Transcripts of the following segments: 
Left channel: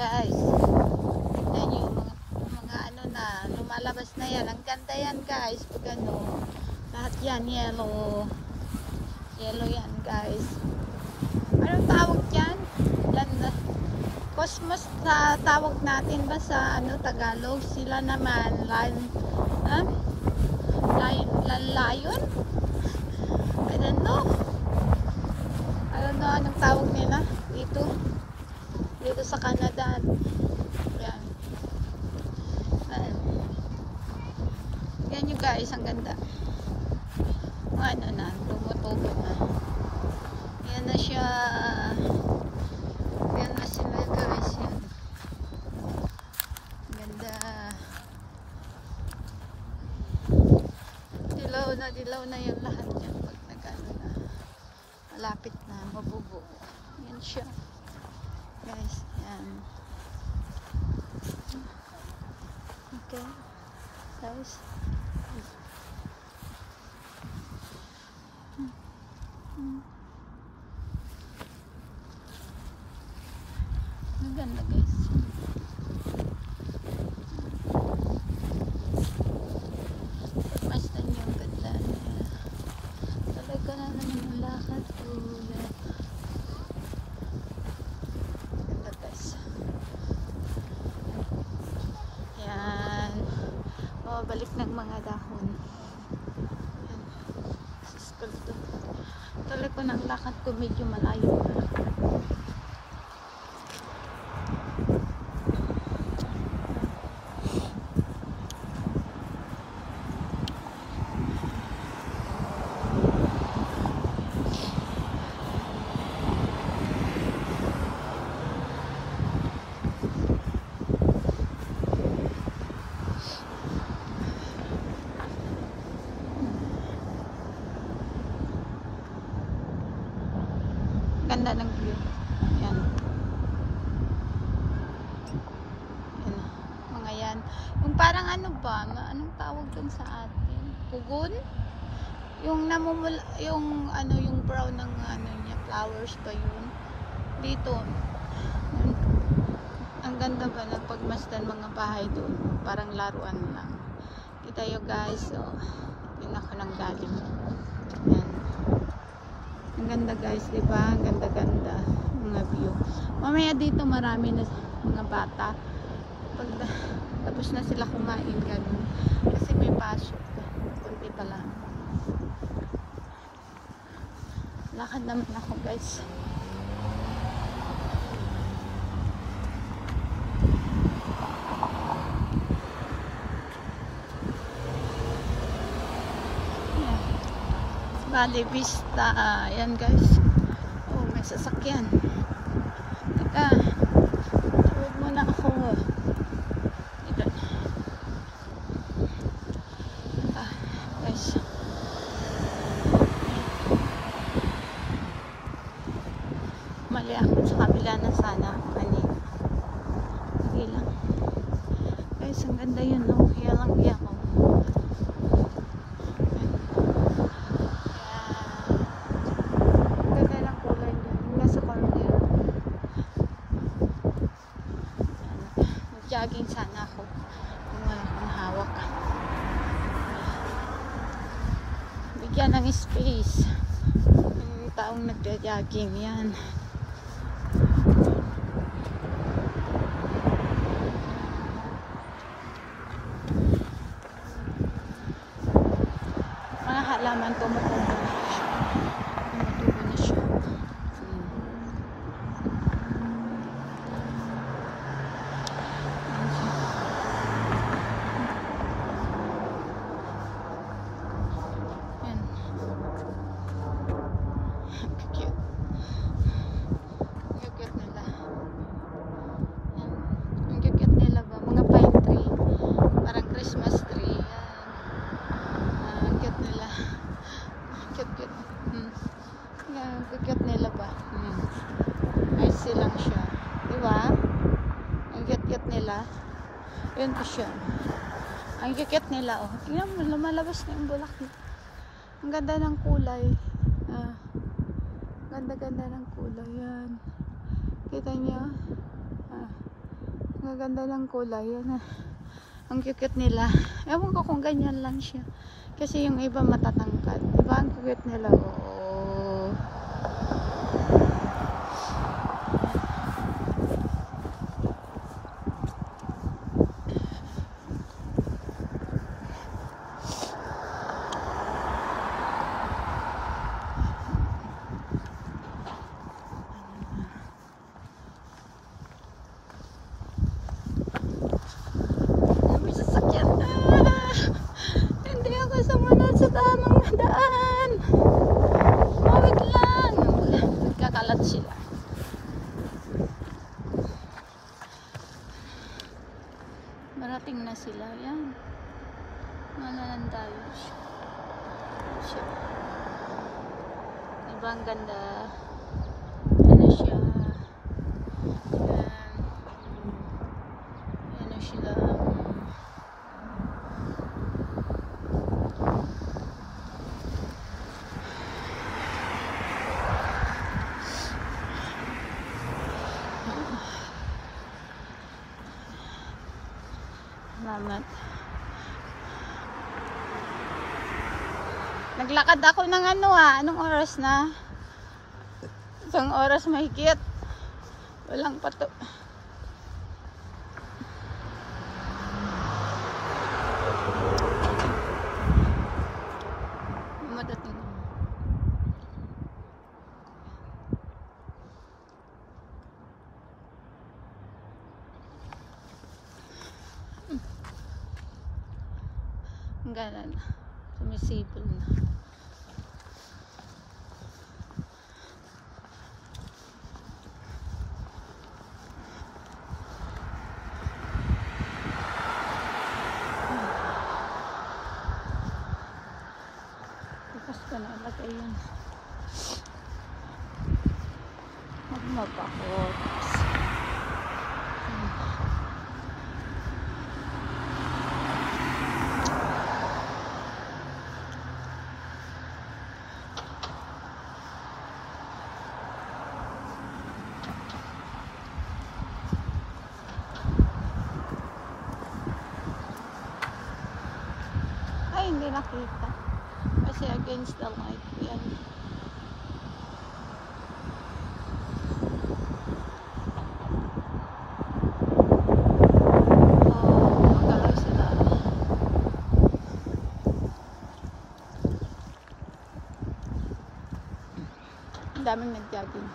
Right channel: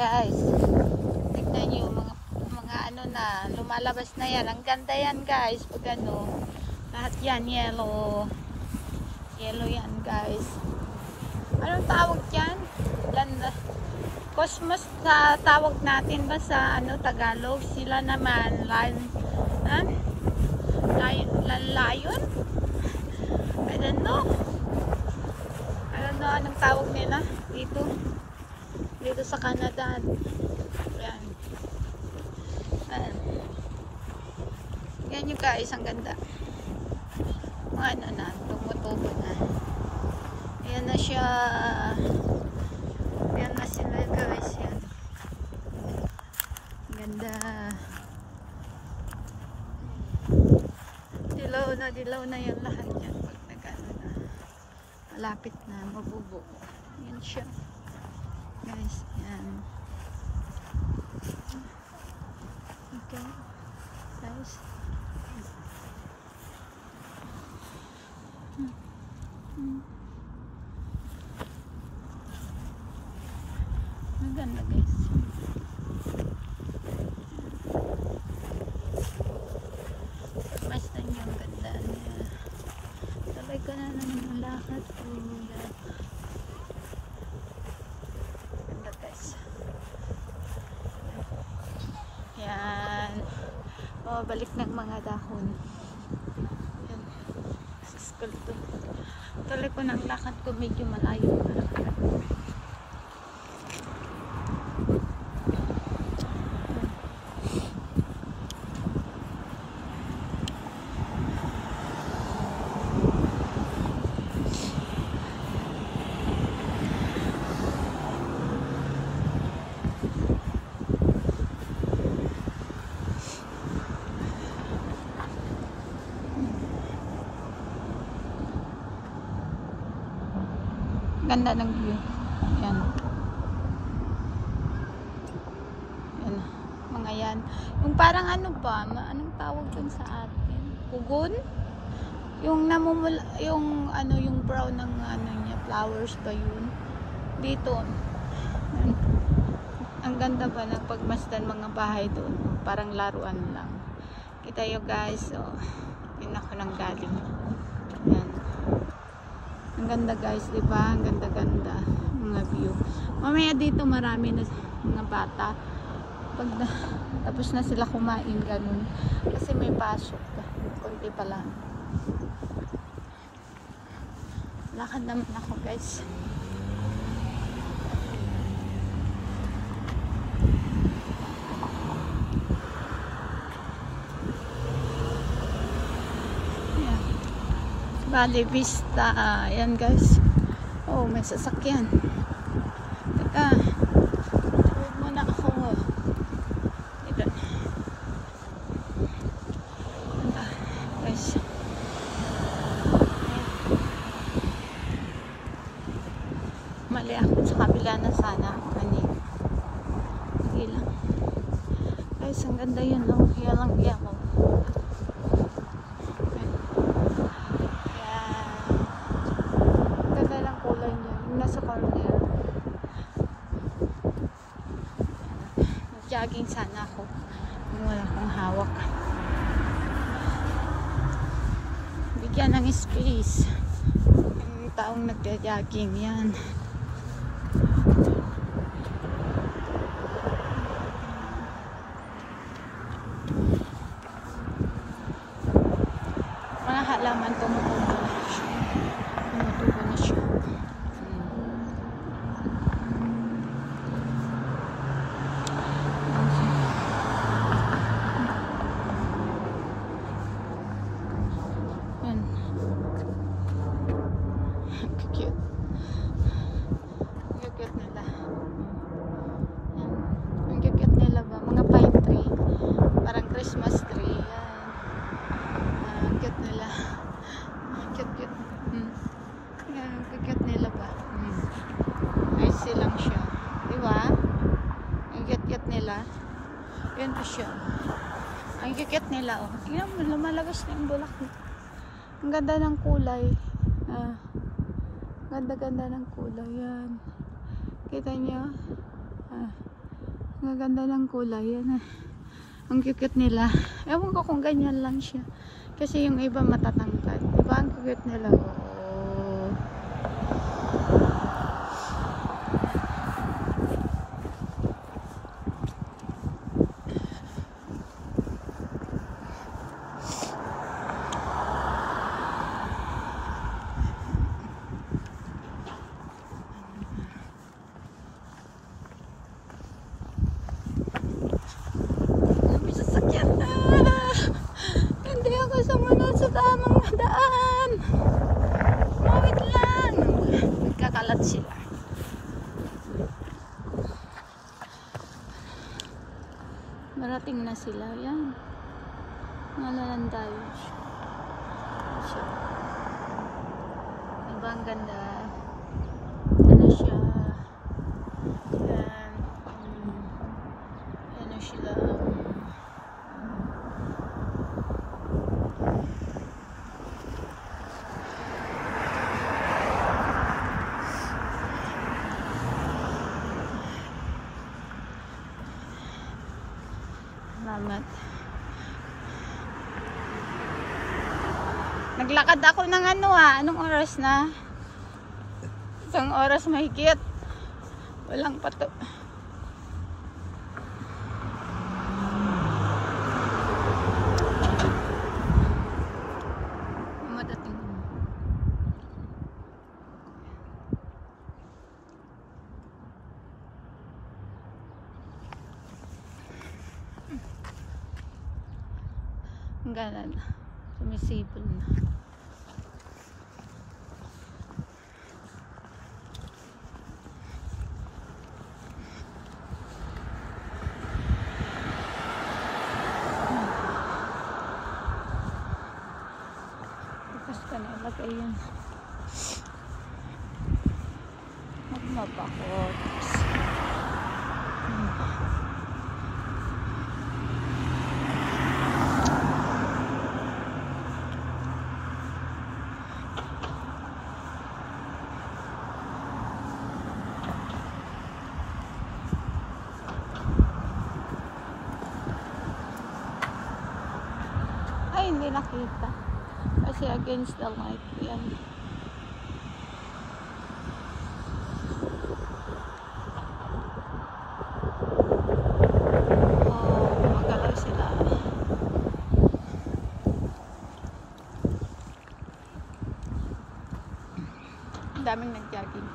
Guys, tignan nyo mga ano na, lumalabas na yan. Ang ganda yan guys. Pag ano, lahat yan yellow. Yellow yan guys. Anong tawag yan? Ganda. Cosmos na tawag natin ba sa ano Tagalog? Sila naman lion. I don't know. Anong tawag nila dito sa Canada. Yan. Yan yung guys, ang ganda. Ano na, tumutubo na. Yan na siya. Yan na sila guys. Yan. Ganda. Dilaw na yan lahat yan. Pag nagano na. Malapit na, mabubuo. Yan siya. Guys, yan. Okay. Guys. Ang ganda guys. Basta niya ang ganda. Sabay ko na naman ang lakad ko. Ganda guys. Yan. Balik ng mga dahon. Yan. Sa school to. Tuloy ko ng lakad ko medyo malayo na. Ganda ng view. Yan. Yan. Mga yan. Yung parang ano ba? Anong tawag dun sa atin? Kugon? Yung namumula, yung ano, yung brown ng ano niya, flowers ba yun? Dito. Yan. Ang ganda ba ng pagmasdan mga bahay doon. Parang laruan lang. Kita nyo guys. Oh, yun ako nang galing. Yan. Ang ganda guys, diba? Ang ganda-ganda mga view. Mamaya dito marami na mga bata. Tapos na sila kumain, ganun. Kasi may pasok. Kunti pa lang. Lakad naman ako guys. Valley Vista. Ayan guys. Oh, may sasakyan. Teka. Huwag muna ako. Ito. Guys. Mali ako sa kabila na sana. Kanina. Hindi lang. Guys, ang ganda yun. Oh. Yan lang yan. Oh. Jogging sana ako kung wala akong hawak. Bigyan ng space yung taong nagja-jogging. Yan. Mga halaman tumutubo na siya. Tumutubo na siya. Bigat nila ba? Nice silang siya. Diba? Ang cute nila. Yun po siya. Ang cute nila. Oh. Yan, lumalabas na yung bulaklak. Ang ganda ng kulay. Ganda-ganda ng kulay. Yan. Kita nyo? gaganda ng kulay. Yan ah. Ang cute nila. Ewan ko kung ganyan lang siya. Kasi yung iba matatangkad. Diba ang cute nila? Oo. Tamang daan. Oh, wait lang. Nagkakalat sila. Marating na sila. Yan. Malalan tayo. Siya. Diba ang ganda? Yan na siya. Yan. Yan na sila. Salamat. Naglakad ako ng anong oras na? Isang oras mahigit. Walang pato. Madating. Ang gana na. Sumisipol na. Tapos ka na ilagay yun. Magmag ako. Hindi nakita kasi against the light yan. Magalaw sila. Ang daming nag-jogging.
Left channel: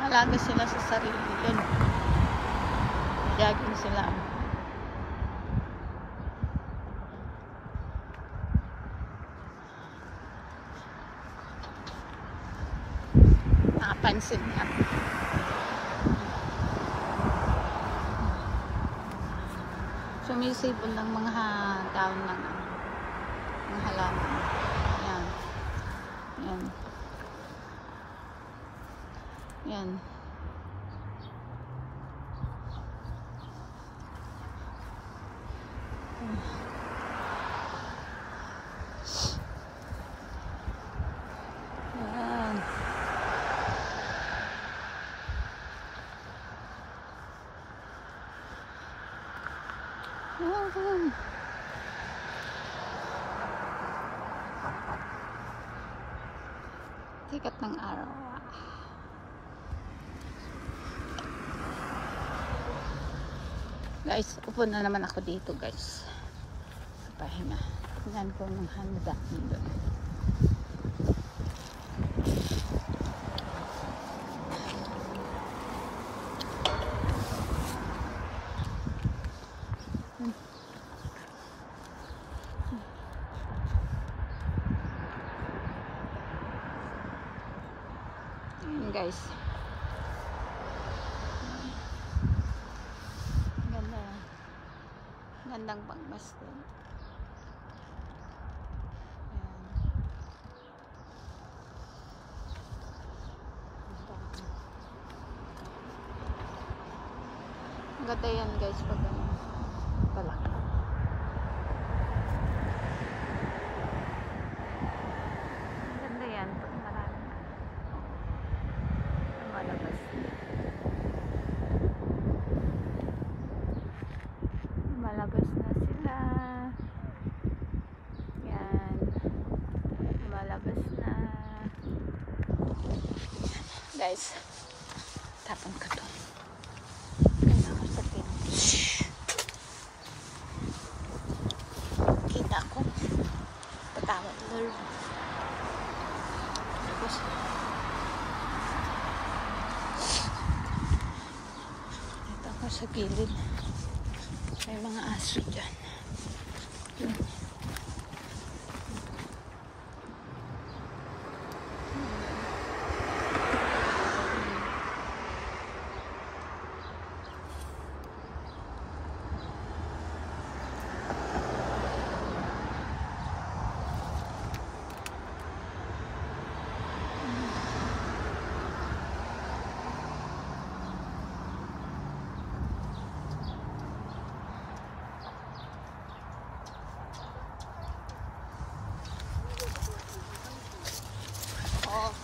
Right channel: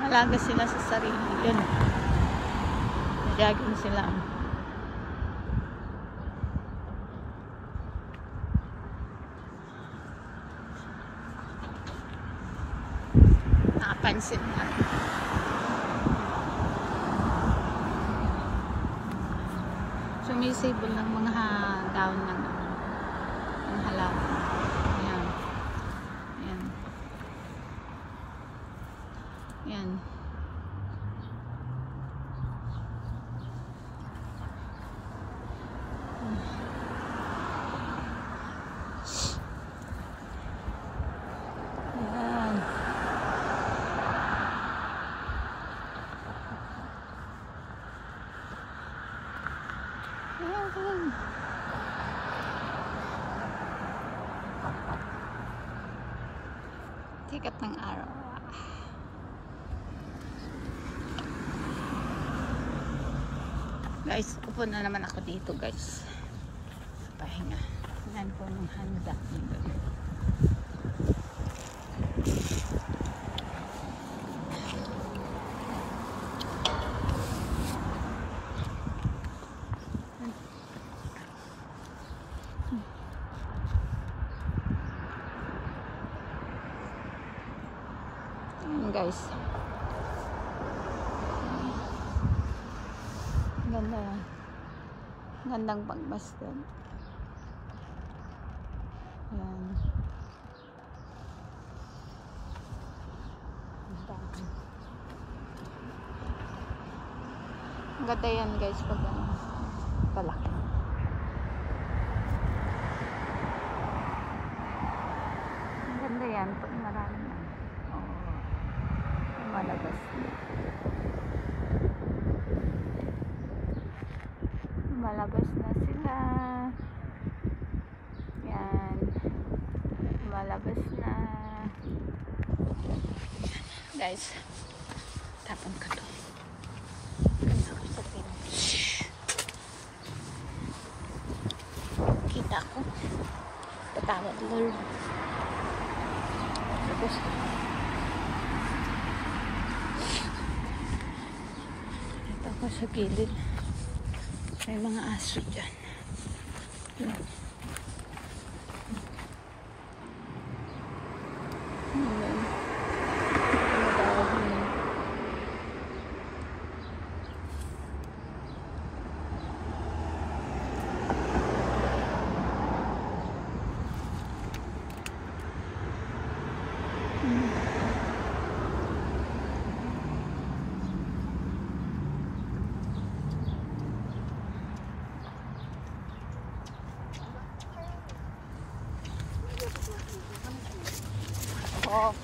Malaga sila sa sarili. Yun. Nag-jogging sila. Nakapansin na. Sumisipol ng mga daon ng halaman. Yan. Yan. Yan. Yan. Yan. Sikat ng araw. Guys, upo na naman ako dito guys. Pahinga. Tingnan ko ng handa. Ayan guys. Ganda. Gandang pagmasdan. Ayan. Ang ganda yan guys pag ano, palaki. Guys, tapon ko to. Kita ko. Patawad, Lord. Tapos, ito ako sa gilid. May mga aso dyan. Yun. Ayan. Nadahon. Oh.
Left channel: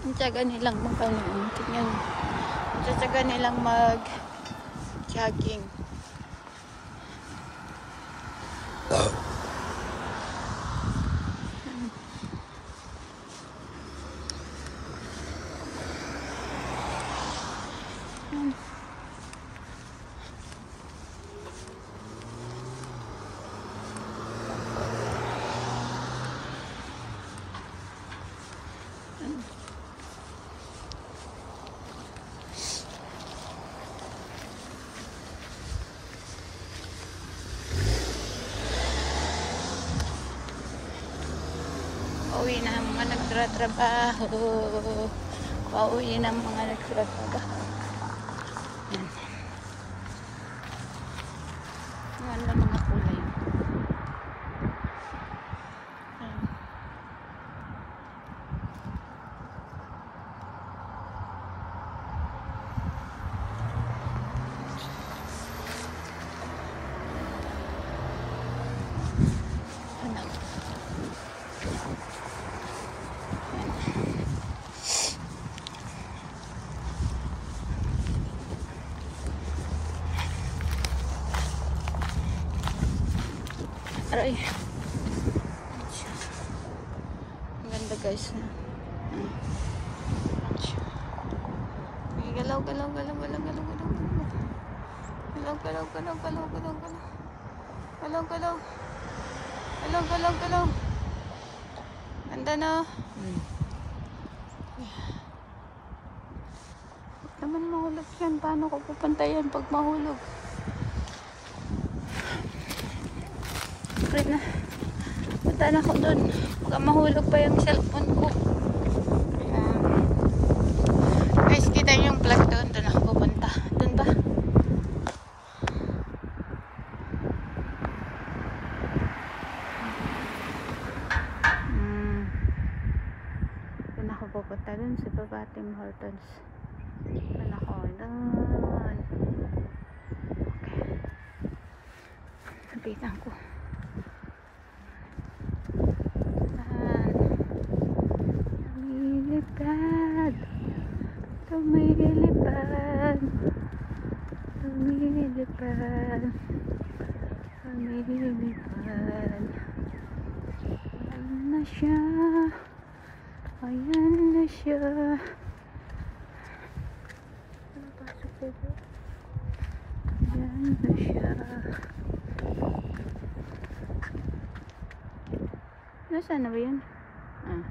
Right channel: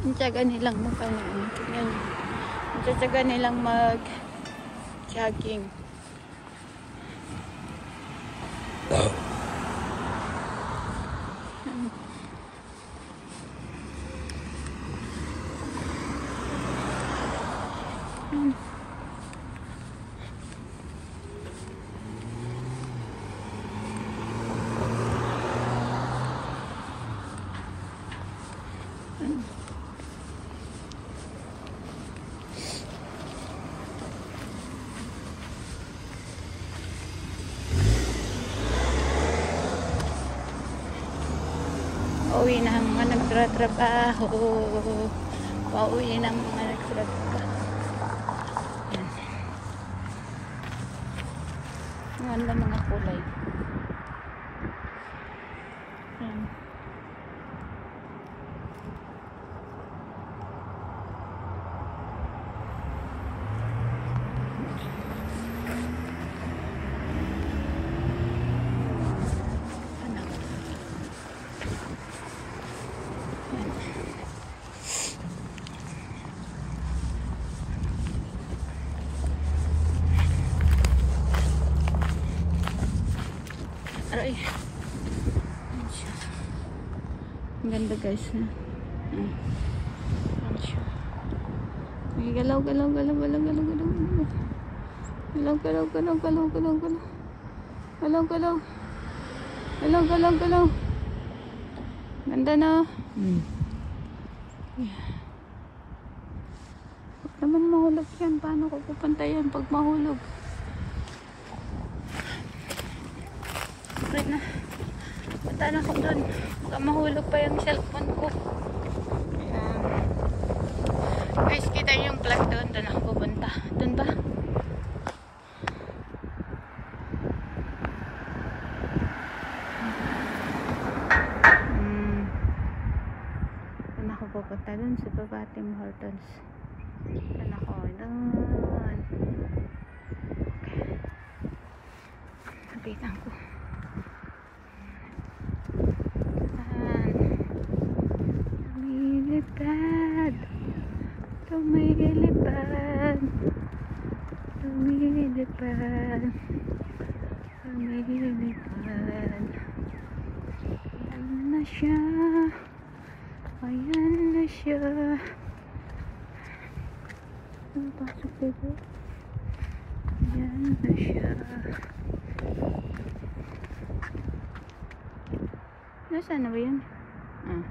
Ang tiyaga nilang tingnan nyo. Ang tiyaga nilang mag-jogging. Pauwi na ang mga nagtratrabaho. Pauwi na ang mga nagtratrabaho. Ayan. Ayan na mga kulay. Ayan. Ay. Ang ganda guys ha. Ay, galaw. Galaw. Ganda na. Huwag naman mahulog yan. Paano ko pupunta yan pag mahulog? Wait na. Punta na ko doon. Baka mahulog pa yung cellphone ko. Ayan. Guys, kita yung plug doon. Doon ako pupunta. Doon ba? Doon ako pupunta. Doon sa baba Tim Hortons. Doon ako. Doon. Okay. Kapitan ko. Lumilipad. Ayan na siya. Napasok dito. Ayan na siya. Nasaan na ba yan? Ah.